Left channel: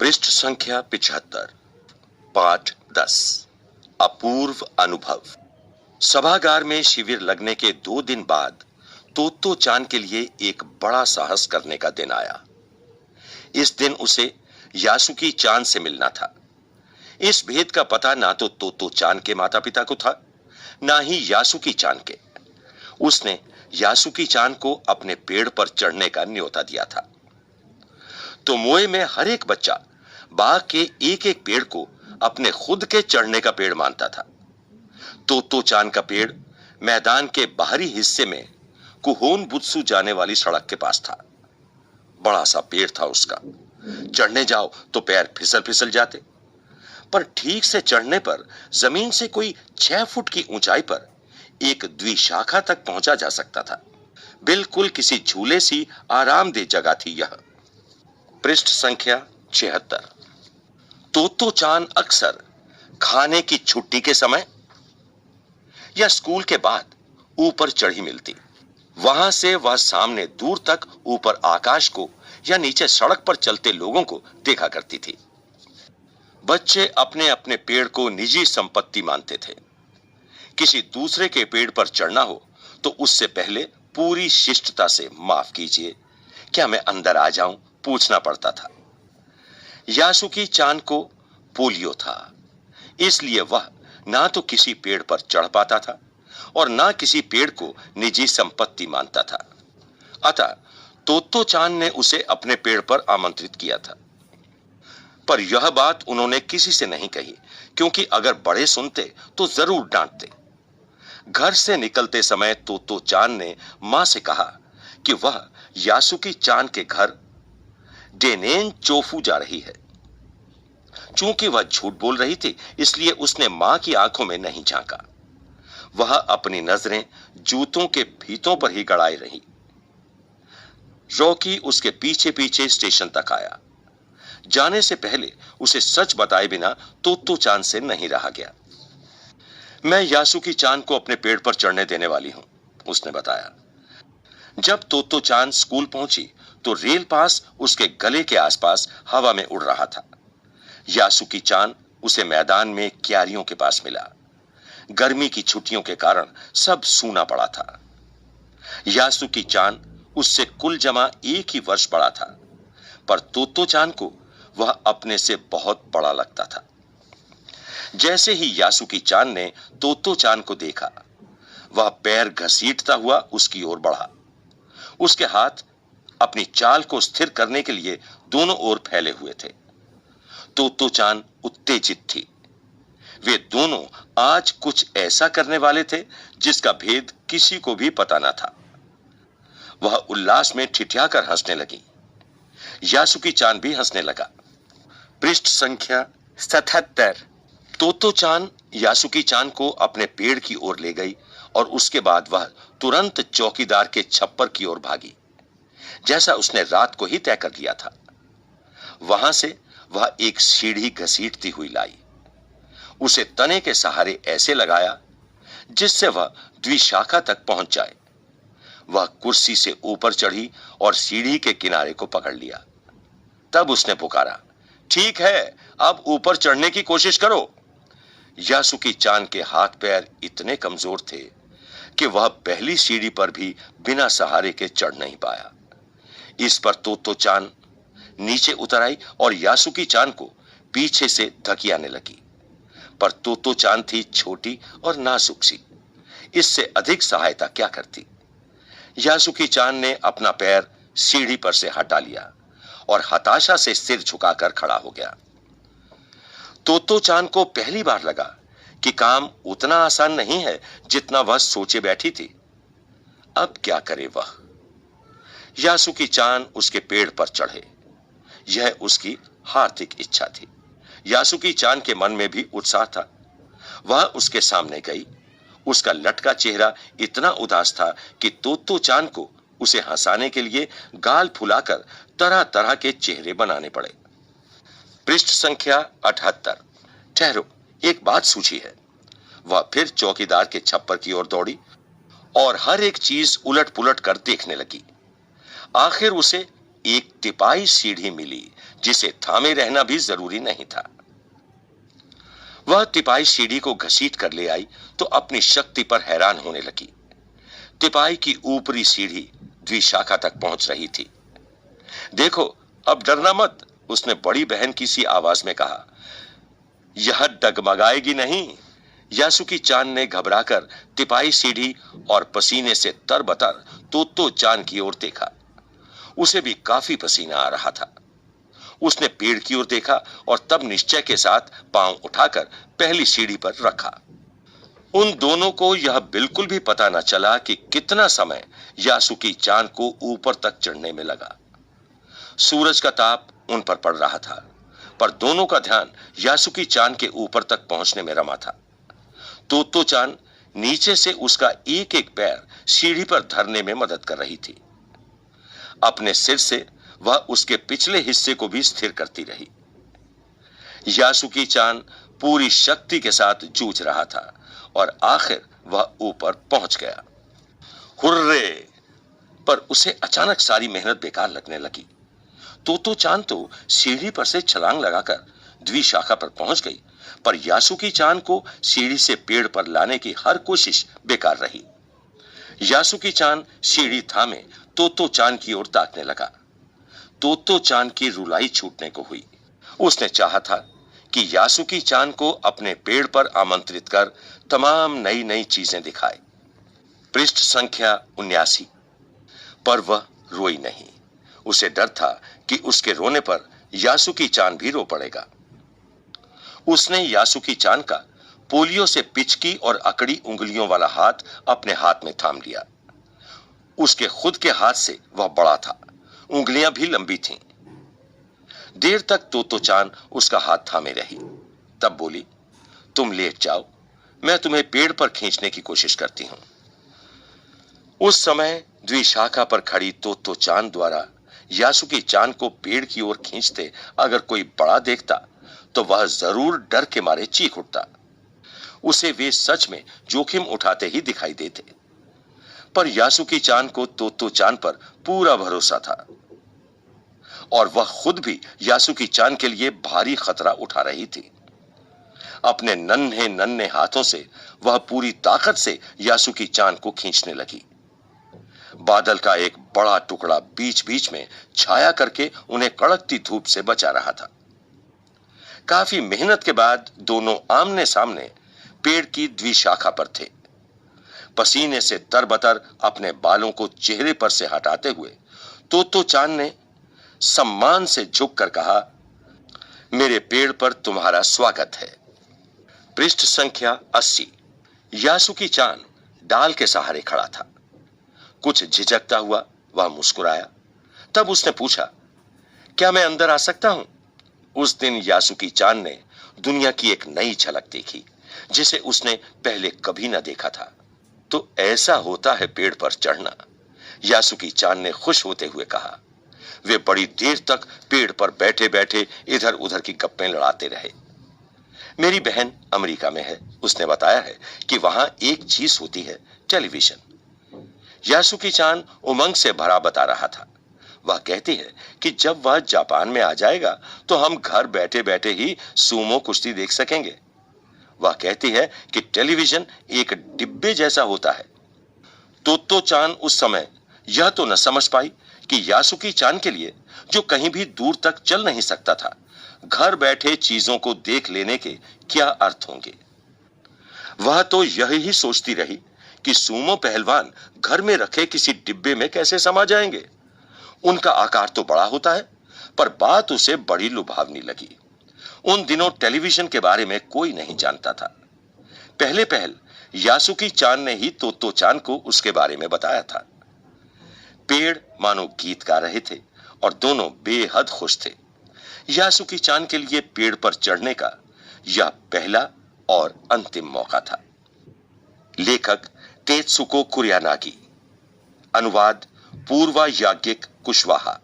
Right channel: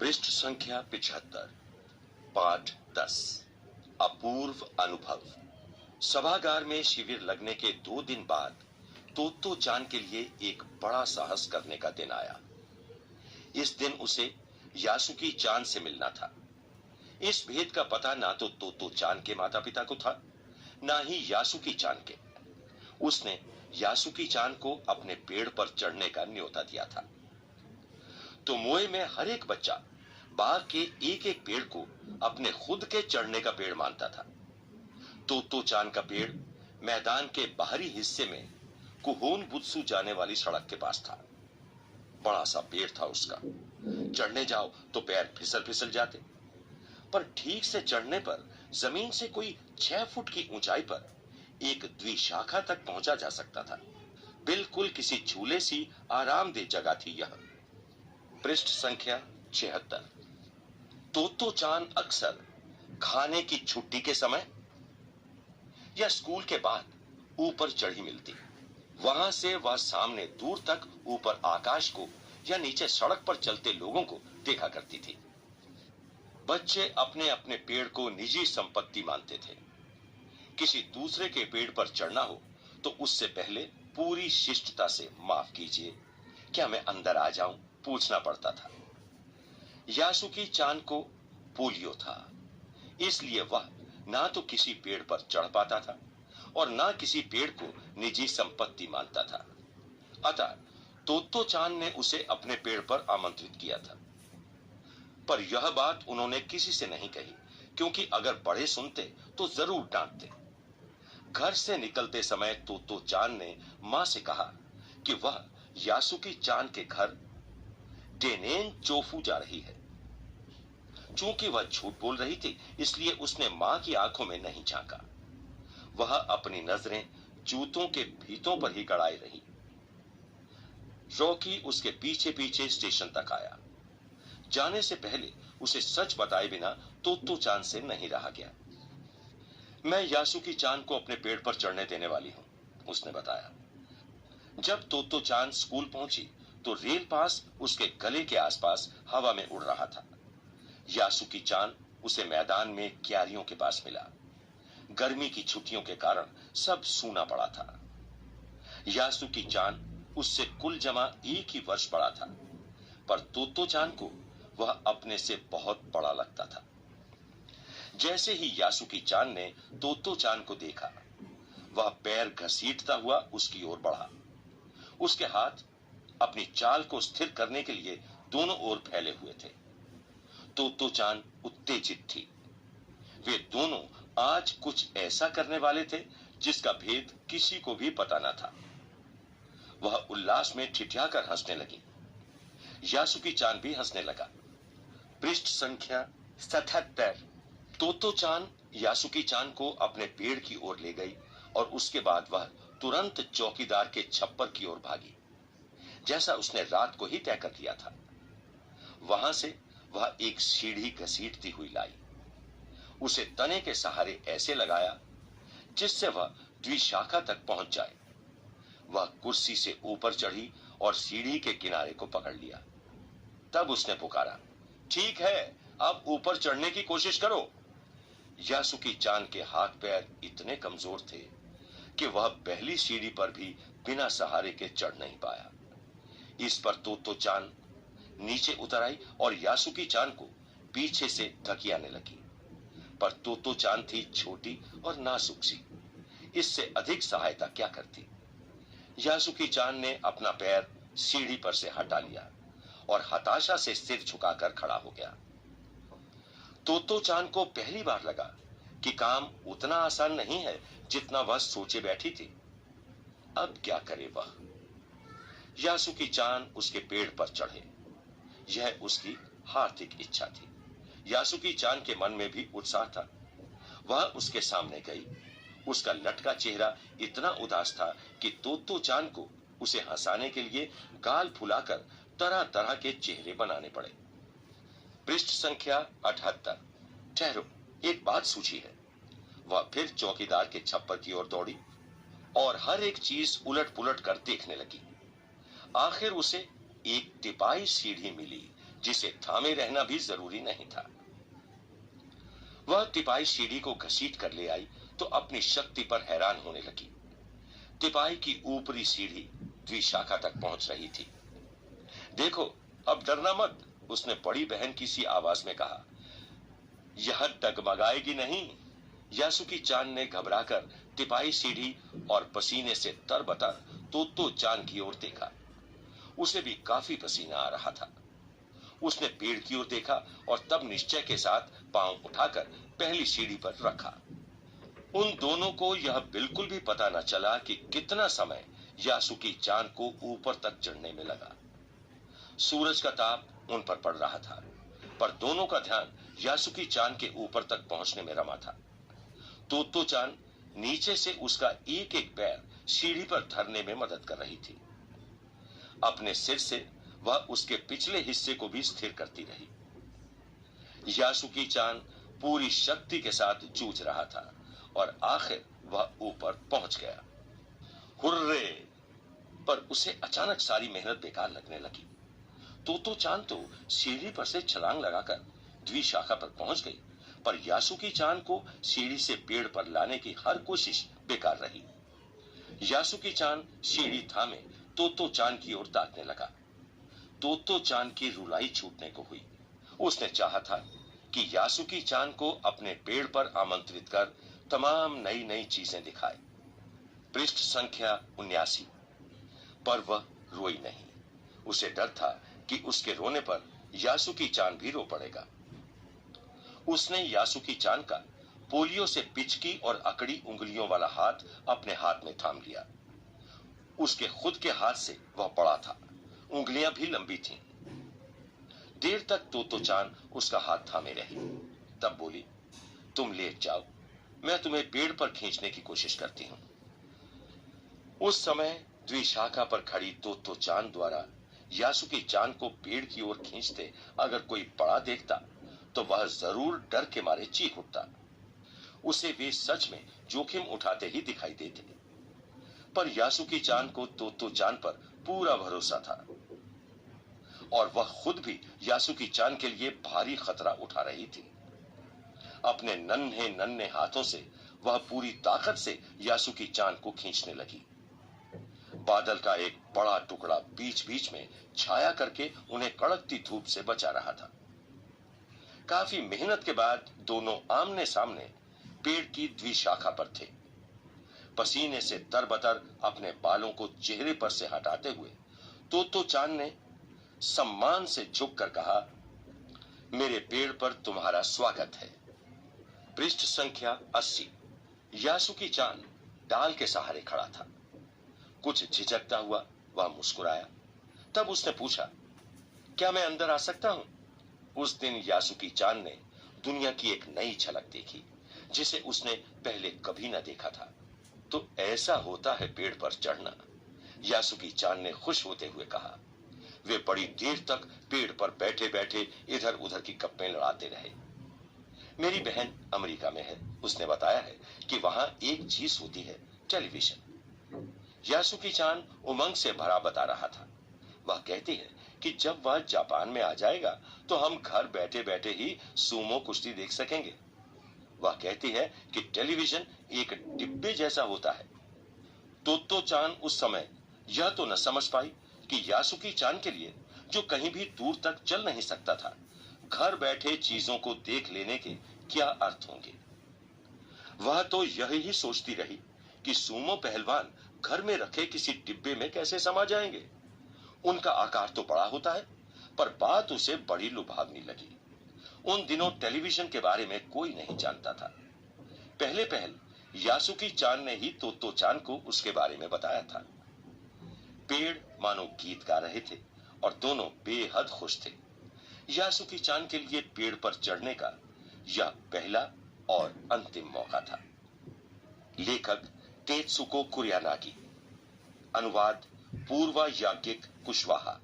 पृष्ठ संख्या 75, पाठ 10। अपूर्व अनुभव। सभागार में शिविर लगने के 2 दिन बाद तोत्तो चान के लिए एक बड़ा साहस करने का दिन आया। इस दिन उसे यासुकी चान से मिलना था। इस भेद का पता ना तो तोत्तो चान के माता पिता को था, ना ही यासुकी चान के। उसने यासुकी चान को अपने पेड़ पर चढ़ने का न्योता दिया था। तोमोए में हर एक बच्चा बाग के एक एक पेड़ को अपने खुद के चढ़ने का पेड़ मानता था। तोत्तो चान का पेड़ मैदान के बाहरी हिस्से में कुहोन बुत्सु जाने वाली सड़क के पास था। बड़ा सा पेड़ था उसका। चढ़ने जाओ तो पैर फिसल फिसल जाते, पर ठीक से चढ़ने पर जमीन से कोई 6 फुट की ऊंचाई पर एक द्विशाखा तक पहुंचा जा सकता था। बिल्कुल किसी झूले सी आरामदेह जगह थी यह। पृष्ठ संख्या 76। तोत्तो चान अक्सर खाने की छुट्टी के समय या स्कूल के बाद ऊपर चढ़ी मिलती। वहां से वह सामने दूर तक ऊपर आकाश को या नीचे सड़क पर चलते लोगों को देखा करती थी। बच्चे अपने अपने पेड़ को निजी संपत्ति मानते थे। किसी दूसरे के पेड़ पर चढ़ना हो तो उससे पहले पूरी शिष्टता से माफ कीजिए, क्या मैं अंदर आ जाऊं, पूछना पड़ता था। यासुकी चान को पोलियो था, इसलिए वह ना तो किसी पेड़ पर चढ़ पाता था और ना किसी पेड़ को निजी संपत्ति मानता था। अतः तोत्तो चान ने उसे अपने पेड़ पर आमंत्रित किया था, पर यह बात उन्होंने किसी से नहीं कही, क्योंकि अगर बड़े सुनते तो जरूर डांटते। घर से निकलते समय तोत्तो चान ने मां से कहा कि वह यासुकी चान के घर डेनेन चोफू जा रही है। चूंकि वह झूठ बोल रही थी, इसलिए उसने मां की आंखों में नहीं झांका। वह अपनी नजरें जूतों के फीतों पर ही गड़ाए रही। रॉकी उसके पीछे पीछे स्टेशन तक आया। जाने से पहले उसे सच बताए बिना तोत्तो चान से नहीं रहा गया। मैं यासुकी चान को अपने पेड़ पर चढ़ने देने वाली हूं, उसने बताया। जब तोत्तो चान स्कूल पहुंची तो रेल पास उसके गले के आसपास हवा में उड़ रहा था। यासुकी चान उसे मैदान में क्यारियों के पास मिला। गर्मी की छुट्टियों के कारण सब सूना पड़ा था। यासुकी चान उससे कुल जमा 1 ही वर्ष बड़ा था, पर तोत्तो चान को वह अपने से बहुत बड़ा लगता था। जैसे ही यासुकी चान ने तोत्तो चान को देखा, वह पैर घसीटता हुआ उसकी ओर बढ़ा। उसके हाथ अपनी चाल को स्थिर करने के लिए दोनों ओर फैले हुए थे। तोत्तो चान उत्तेजित थी। वे दोनों आज कुछ ऐसा करने वाले थे जिसका भेद किसी को भी पता न था। वह उल्लास में ठिठियाकर हंसने लगी। यासुकी चान भी हंसने लगा। पृष्ठ संख्या 77। तोत्तो चान यासुकी चान को अपने पेड़ की ओर ले गई और उसके बाद वह तुरंत चौकीदार के छप्पर की ओर भागी, जैसा उसने रात को ही तय कर लिया था। वहां से वह एक सीढ़ी घसीटती हुई लाई। उसे तने के सहारे ऐसे लगाया जिससे वह द्विशाखा तक पहुंच जाए। वह कुर्सी से ऊपर चढ़ी और सीढ़ी के किनारे को पकड़ लिया। तब उसने पुकारा, ठीक है, अब ऊपर चढ़ने की कोशिश करो। यासुकी चान के हाथ पैर इतने कमजोर थे कि वह पहली सीढ़ी पर भी बिना सहारे के चढ़ नहीं पाया। इस पर तोत्तो चान नीचे उतर आई और यासुकी चान को पीछे से धकियाने लगी, पर तोत्तो चान थी छोटी और नाजुक सी। इससे अधिक सहायता क्या करती। यासुकी चान ने अपना पैर सीढ़ी पर से हटा लिया और हताशा से सिर झुकाकर खड़ा हो गया। तोत्तो चान को पहली बार लगा कि काम उतना आसान नहीं है जितना वह सोचे बैठी थी। अब क्या करे वह। यासुकी चान उसके पेड़ पर चढ़े, यह उसकी हार्दिक इच्छा थी। यासुकी चान के मन में भी उत्साह था। वह उसके सामने गई। उसका लटका चेहरा इतना उदास था कि तोत्तो चान को उसे हंसाने के लिए गाल फुलाकर तरह तरह के चेहरे बनाने पड़े। पृष्ठ संख्या 78। ठहरो, एक बात सूझी है। वह फिर चौकीदार के छप्पर की ओर दौड़ी और हर एक चीज उलट पुलट कर देखने लगी। आखिर उसे एक तिपाई सीढ़ी मिली जिसे थामे रहना भी जरूरी नहीं था। वह तिपाई सीढ़ी को घसीट कर ले आई तो अपनी शक्ति पर हैरान होने लगी। तिपाई की ऊपरी सीढ़ी द्विशाखा तक पहुंच रही थी। देखो, अब डरना मत, उसने बड़ी बहन की सी आवाज में कहा। यह डगमगाएगी नहीं। यासुकी चान ने घबराकर तिपाई सीढ़ी और पसीने से तरबतर तोत्तो चान की ओर देखा। उसे भी काफी पसीना आ रहा था। उसने पेड़ की ओर देखा और तब निश्चय के साथ पांव उठाकर पहली सीढ़ी पर रखा। उन दोनों को यह बिल्कुल भी पता न चला कि कितना समय यासुकी चान को ऊपर तक चढ़ने में लगा। सूरज का ताप उन पर पड़ रहा था, पर दोनों का ध्यान यासुकी चान के ऊपर तक पहुंचने में रमा था। तोत्तो चान नीचे से उसका एक एक पैर सीढ़ी पर धरने में मदद कर रही थी। अपने सिर से वह उसके पिछले हिस्से को भी स्थिर करती रही। यासुकी चान पूरी शक्ति के साथ जूझ रहा था और आखिर वह ऊपर पहुंच गया। हुर्रे! पर उसे अचानक सारी मेहनत बेकार लगने लगी। तोत्तो चान तो सीढ़ी पर से छलांग लगाकर द्विशाखा पर पहुंच गई, पर यासुकी चान को सीढ़ी से पेड़ पर लाने की हर कोशिश बेकार रही। यासुकी चान सीढ़ी थामे तोत्तो चान की ओर ताकने लगा। तोत्तो चान की रुलाई छूटने को हुई। उसने चाहा था कि यासुकी चान को अपने पेड़ पर आमंत्रित कर तमाम नई नई चीजें दिखाए। पृष्ठ संख्या 79। पर वह रोई नहीं। उसे डर था कि उसके रोने पर यासुकी चान भी रो पड़ेगा। उसने यासुकी चान का पोलियो से पिचकी और अकड़ी उंगलियों वाला हाथ अपने हाथ में थाम लिया। उसके खुद के हाथ से वह बड़ा था, उंगलियां भी लंबी थीं। देर तक तोत्तो चान उसका हाथ थामे रही, तब बोली, तुम लेट जाओ, मैं तुम्हें पेड़ पर खींचने की कोशिश करती हूं। उस समय द्विशाखा पर खड़ी तोत्तो चान द्वारा यासुकी चान को पेड़ की ओर खींचते अगर कोई बड़ा देखता तो वह जरूर डर के मारे चीख उठता। उसे वे सच में जोखिम उठाते ही दिखाई देते। पर यासुकी चान को तोत्तो चान पर पूरा भरोसा था और वह खुद भी यासुकी चान के लिए भारी खतरा उठा रही थी। अपने नन्हे नन्हे हाथों से वह पूरी ताकत से यासुकी चान को खींचने लगी। बादल का एक बड़ा टुकड़ा बीच बीच में छाया करके उन्हें कड़कती धूप से बचा रहा था। काफी मेहनत के बाद दोनों आमने सामने पेड़ की द्विशाखा पर थे। पसीने से तरबतर अपने बालों को चेहरे पर से हटाते हुए तोत्तो चान ने सम्मान से झुककर कहा, मेरे पेड़ पर तुम्हारा स्वागत है। पृष्ठ संख्या 80। यासुकी चान डाल के सहारे खड़ा था। कुछ झिझकता हुआ वह मुस्कुराया। तब उसने पूछा, क्या मैं अंदर आ सकता हूं? उस दिन यासुकी चान ने दुनिया की एक नई झलक देखी जिसे उसने पहले कभी न देखा था। तो ऐसा होता है पेड़ पर चढ़ना, यासुकी चान ने खुश होते हुए कहा। वे बड़ी देर तक पेड़ पर बैठे बैठे इधर उधर की गप्पें लड़ाते रहे। मेरी बहन अमेरिका में है, उसने बताया है कि वहां एक चीज होती है, टेलीविजन। यासुकी चान उमंग से भरा बता रहा था। वह कहती है कि जब वह जापान में आ जाएगा तो हम घर बैठे बैठे ही सूमो कुश्ती देख सकेंगे। वह कहती है कि टेलीविजन एक डिब्बे जैसा होता है। तोत्तो चान उस समय यह तो न समझ पाई कि यासुकी चान के लिए, जो कहीं भी दूर तक चल नहीं सकता था, घर बैठे चीजों को देख लेने के क्या अर्थ होंगे। वह तो यही सोचती रही कि सूमो पहलवान घर में रखे किसी डिब्बे में कैसे समा जाएंगे। उनका आकार तो बड़ा होता है, पर बात उसे बड़ी लुभावनी लगी। उन दिनों टेलीविजन के बारे में कोई नहीं जानता था। पहले पहल यासुकी चान ने ही तोत्तो चान को उसके बारे में बताया था। पेड़ मानो गीत गा रहे थे और दोनों बेहद खुश थे। यासुकी चान के लिए पेड़ पर चढ़ने का यह पहला और अंतिम मौका था। लेखक तेत्सुको कुरियानागी, अनुवाद पूर्वा याज्ञिक कुशवाहा।